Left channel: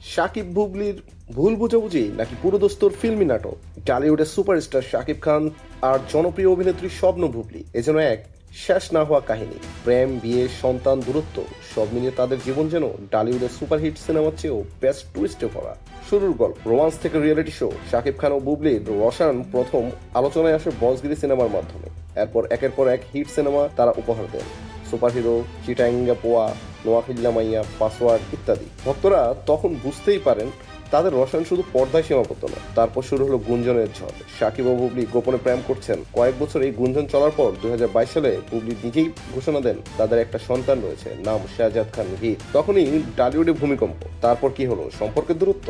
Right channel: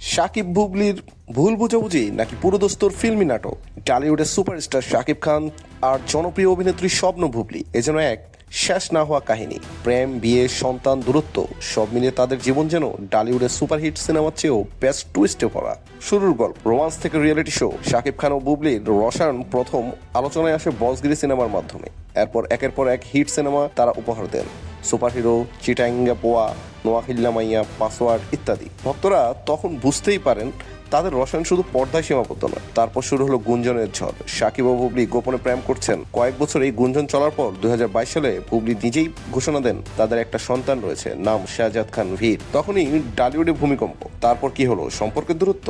শাকিব বুবলির ভুল বুঝাবুঝি নাকি পুরোদস্তর ফিল্মি নাটক? টলিউডের সুপারস্টার শাকিব খান আর জনপ্রিয় অভিনেত্রী স্বপ্ন বুবলি এজন্য এক শেষ না হওয়া কাহিনী। প্রেম, বিয়ে, সন্তান, দূরত্ব, সব মিলিয়ে তাদের জীবন যেন ডালিউডের সুপারহিট সিনেমার চেয়েও বেস্ট টুইস্টে ভরা। শুরুর গল্প রোমান্স থেকে রিয়েলিটি শো শাকিব খান ও বুবলির রসায়ন প্রথম আলোচনায় আসে বসগিরি সিনেমার মাধ্যমে। এরপর একের পর এক হিট সিনেমা তারা উপহার দেন। সুপারহিরো চিটাঙ্গা পোয়া নোয়াখিল্লা মাইয়া পাসওয়ার্ড ইত্যাদি। ভক্তরা তখন বুঝতেই পারেন, তাদের রসায়ন শুধু পর্দায় সীমাবদ্ধ না তারপর শুরু হলো গুঞ্জনের ঝড়। সাকিব ও বুবলি গোপনে প্রেম করছেন। কয়েক বছর এই গুঞ্জন চলার পর দুই সালে বুবলি নিজেই ঘোষণা দেন, তাদের একটা সন্তান রয়েছে, নাম শাহজাদ খান ভীর। তখনই ডালিউডে ভূমিকম্প। তারপর কি হলো? সম্পর্কের দূরত্ব?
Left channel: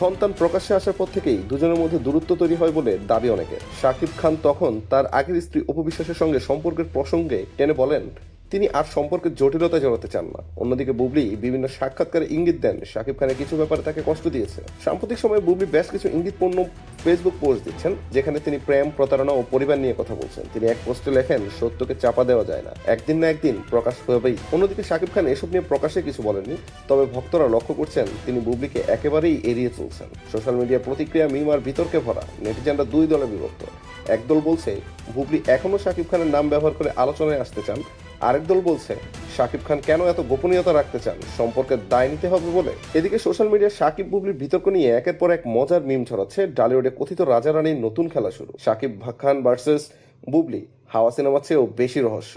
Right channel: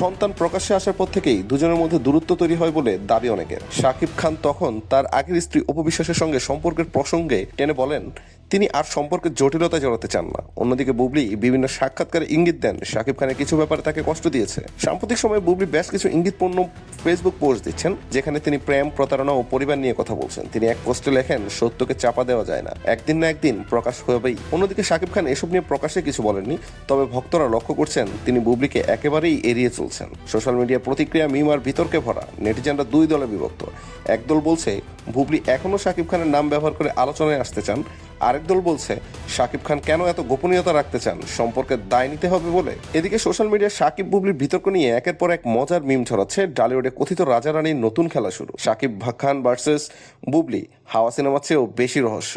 সন্তান প্রকাশ্যে আসার পর থেকেই দুজনের মধ্যে দূরত্ব তৈরি হয় বলে দাবি অনেকের। শাকিব খান তখন তার আগের স্ত্রী উপবিশ্বাসের সঙ্গে সম্পর্কের প্রসঙ্গে টেনে বলেন তিনি আর সম্পর্কের জটিলতা জড়াতে চান না। অন্যদিকে বুবলি বিভিন্ন সাক্ষাৎকারে ইঙ্গিত দেন। শাকিব খানের কিছু ব্যাপারে তাকে কষ্ট দিয়েছে। সাম্প্রতিক সময়ে বুবলি বেশ কিছু ইঙ্গিতপূর্ণ ফেসবুক পোস্ট দিচ্ছেন, যেখানে তিনি প্রেম, প্রতারণা ও পরিবার নিয়ে কথা বলছেন। তিনি এক পোস্টে লেখেন, সত্যকে চাপা দেওয়া যায় না। একদিন না একদিন প্রকাশ হবেই। অন্যদিকে শাকিব খান এসব নিয়ে প্রকাশে কিছু বলেননি, তবে ভক্তরা লক্ষ্য করছেন তিনি বুবলিকে একেবারেই এড়িয়ে চলছেন। সোশ্যাল মিডিয়ার প্রতিক্রিয়া মিম আর বিতর্কে ভরা। নেটিজেনরা দুই দলে বিভক্ত। একদল বলছে, বুবলি এখনও শাকিব খানের নাম ব্যবহার করে আলোচনায় আসতে চান। আরেক দল বলছে, শাকিব খান কেন এত গোপনীয়তা রাখতে চান? সম্পর্কে দায় নিতে হবে বলে। এদিকে সোশ্যাল মিডিয়ায় শাকিব বুবলির বিতর্ক নিয়ে একের পর এক মজার মিম ছড়াচ্ছে ডালিউডে কথিত রাজা রানীর নতুন খেলা শুরু। শাকিব খান ভার্সেস বুবলি, হাওয়া সিনেমার চেয়েও বেশি রহস্য।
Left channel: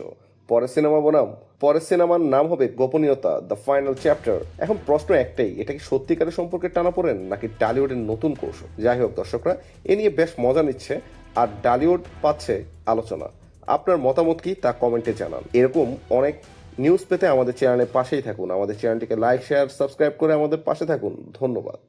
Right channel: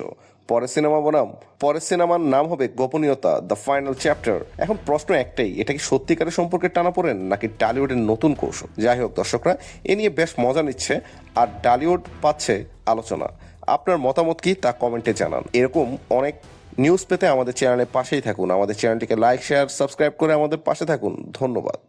পরের সিনেমা বনাম, পরের সিনেমার নাম হবে গোপনীয়তা, দ্য ফাইনাল চ্যাপ্টার। এখন প্রশ্ন একটাই, এটা কি সত্যিকারের সম্পর্কে টানা পড়েন নাকি ডালিউডের নতুন কৌশল? যাই হোক দর্শকরা, এ নিয়ে বেশ মজা নিচ্ছে, আর ডালিউড পাচ্ছে আলোচনা। আপনার মতামত কি তা কমেন্টে জানান। এরকম অনেক নিউজ পেতে আমাদের চ্যানেলের পাশেই থাকুন। আমাদের চ্যানেলটিকে লাইক শেয়ার সাবস্ক্রাইব করে আমাদের পাশে থাকুন। ধন্যবাদ।